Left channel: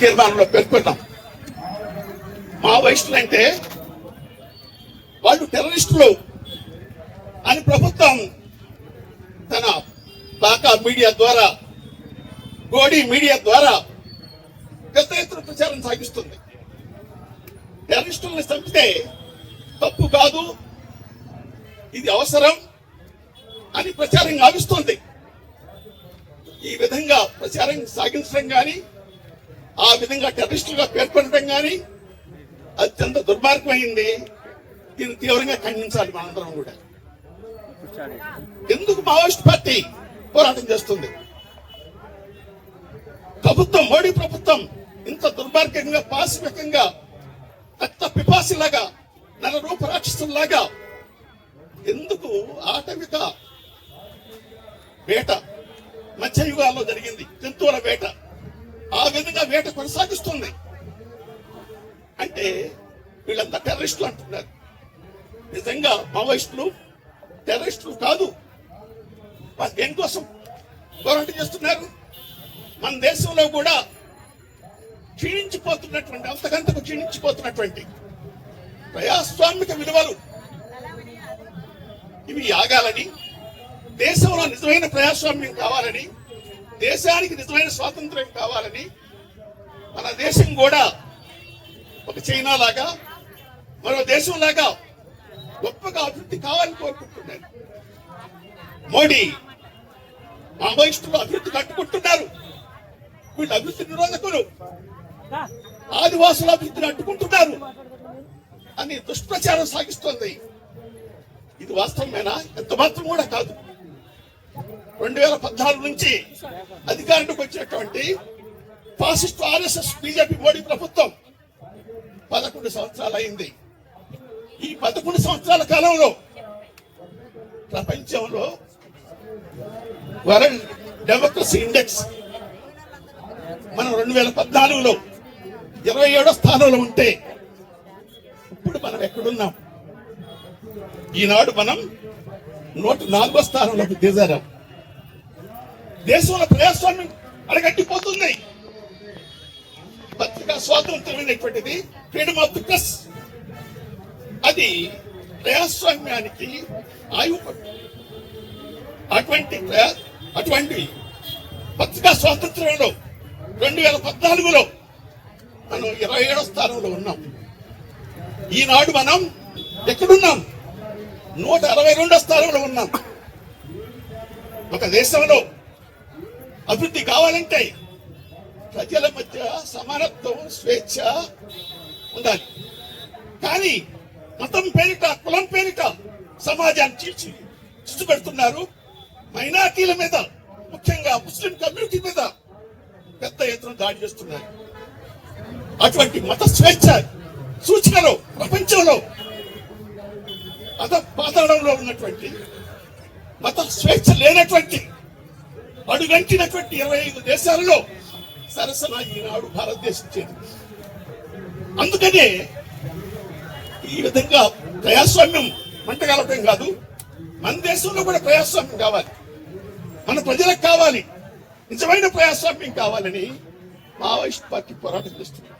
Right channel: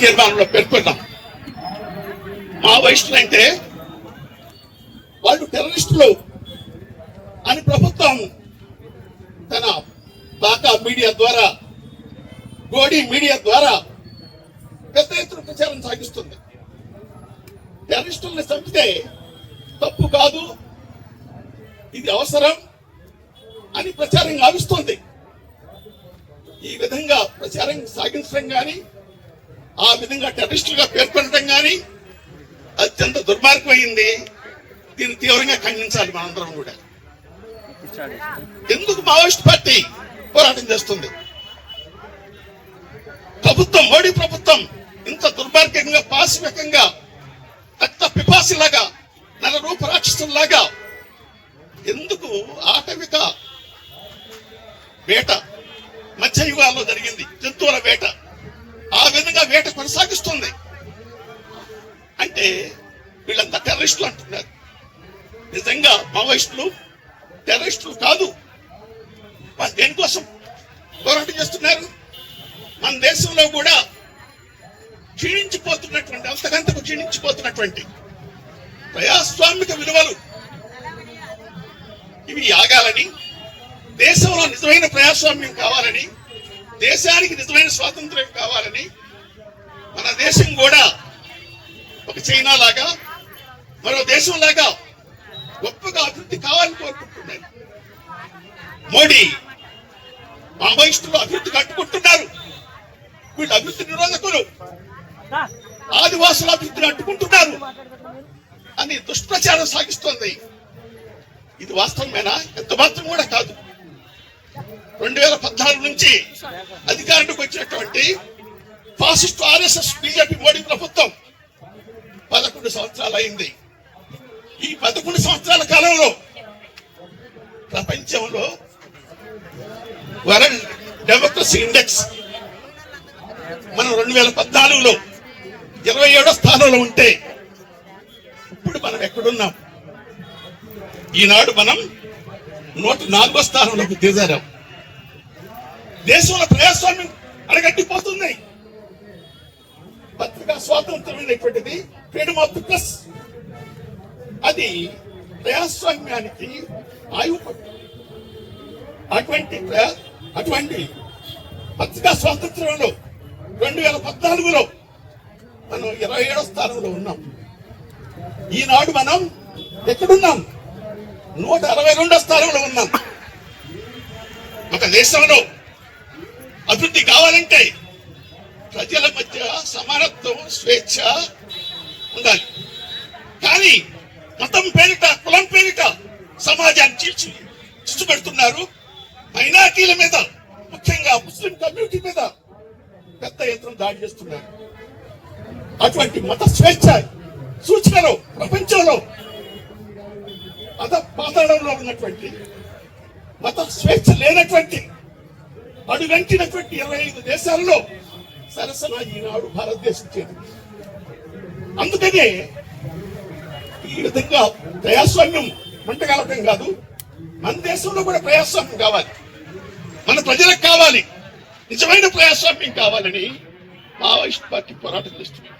తీర్మానంలో పేర్కొన్నాం మావోయిస్టులు అంటే వాళ్ళు టెర్రరిస్టులు అని ప్రభుత్వం తన బాకా మీడియా ద్వారా గోడీ మీడియా ద్వారా పెద్ద ఎత్తున ప్రచారం సాగిస్తుంది. టెర్రరిస్టుల్ని చంపితే తప్పు కాదు ఇది అవసరం అని ప్రచారం గావిస్తోంది ఈ విధంగా ప్రచారం సాగించడం కానీ ఆ విధంగా టెర్రరిస్టులుగా పేర్కొనడం కానీ అత్యంత దుర్మార్గమైంది. దీన్ని తీవ్రంగా ఖండించాలి మనందరం కూడా. ఎందుకు మావోయిస్ట్ పార్టీ పోరాటం చేస్తుంది? ప్రభుత్వం మోడీ ప్రభుత్వం ఇంత దుర్మార్గంగా పాశవికంగా రక్త పిపాసిలాగా నల రూప రాక్షసులాగా ఎందుకు ఆటవిక వేట మధ్యయుగాల్లో జరిగింది జంతువుల వేట? విధంగా వేట కొనసాగిస్తుంది. అంటే వీళ్ళంతా టెర్రరిస్టులు అంటున్నారు. నిజంగా మావోయిస్టులు టెర్రరిస్టులు కాదు. వాళ్ళు దేనికోసం పోరాటం చేస్తున్నారు? మన దేశంలో కూడా క్షీణించిపోతున్నటువంటి అంతకంతకు క్షీణించిపోతున్నటువంటి ప్రజాస్వామిక విలువలు ఇవి ఆగాలని దేశంలో నిజమైన ప్రజాస్వామ్యం కావాలని దేశానికి నిజమైన స్వాతంత్ర్యం కావాలని మన దేశం కూడా ఒక చైనా లాగా మరో దేశం లాగా గొప్పగా అభివృద్ధి కావాలని కోరుకుంటున్నాను మోడీ మావోయిస్టులు అభివృద్ధి కట్టుకుంటున్నారు. వీళ్ళు అభివృద్ధి నిరోధకులు. ఆదివాసుల అభివృద్ధిని అడ్డుకుంటున్నారు. అని దుష్ప్రచారం సాగిస్తోంది. ఇది వాస్తవమేనా? ఎంత మాత్రం కూడా కాదు. రెండు వేల పద్నాలుగు నుంచి అధికారానికి వచ్చినటువంటి ఫాసిస్ట్ ఆర్ఎస్ఎస్ బీజేపీ మోడీ ప్రభుత్వం పదకొండు సంవత్సరాలు అయింది. ఈ పదకొండు సంవత్సరాల కాలంలో ప్రపంచంలో వరల్డ్ డెమోక్రసీ ఇండెక్స్ మనం రెండు వేల పద్నాలుగులో ఇరవై ఏడో స్థానంలో ఉంటే ఇప్పుడు మనం ఎక్కడున్నాం? ఈనాడు మనం నూట నాలుగో స్థానంలోకి దిగారాం. దేశంలో ప్రజాస్వామ్యం అడగట్టిపోతుంది పత్రికా స్వాతంత్రమైనటువంటిది ఫ్రీడమ్ ఆఫ్ ది ప్రెస్ అది ప్రజాస్వామ్యానికి ఆయువు అటువంటి అటువంటి పత్రికా స్వాతంత్ర్యంలో రెండు వేల పద్నాలుగులో మనం ఇరవై ఏడో స్థానంలో ఉన్నాం. ఈనాడు మనం ఎక్కడున్నాం? నూట అరవై రెండో స్థానంలో ఉన్నాం. ఒక దేశంలో అభివృద్ధి కావాలంటే ప్రజల మధ్య సమానత్వం స్వేచ్ఛ ఉండాలి. కానీ మతం పేరిట కులం పేరిట సమాజాన్ని చీల్చి చిచ్చు పెడుతున్నారు మైనార్టీల మీద ముఖ్యంగా ముస్లిం కమ్యూనిటీ మీద పెద్ద యంత్రం దాడి చేస్తున్నారు. అటువంటి మత స్వేచ్ఛ సూచికలో ప్రపంచంలో మత పాతాళంలో ఉన్నటువంటి మత స్వేచ్ఛ లేనటువంటి అడుగంటినటువంటి ఇరవై ఐదు దేశాలలో సరసన ఈనాడు భారతదేశం చేరింది అందుకనే ఈ విధంగా ప్రజాస్వామ్యం మంటగలపడం కాదు మన దేశంలో కూడా ప్రజాస్వామ్యం కావాలి. మన ప్రజలకు కావాలి. నిజమైన ప్రజాస్వామ్యం కావాలని మావోయిస్ట్ పార్టీ పోరాటం చేస్తుంది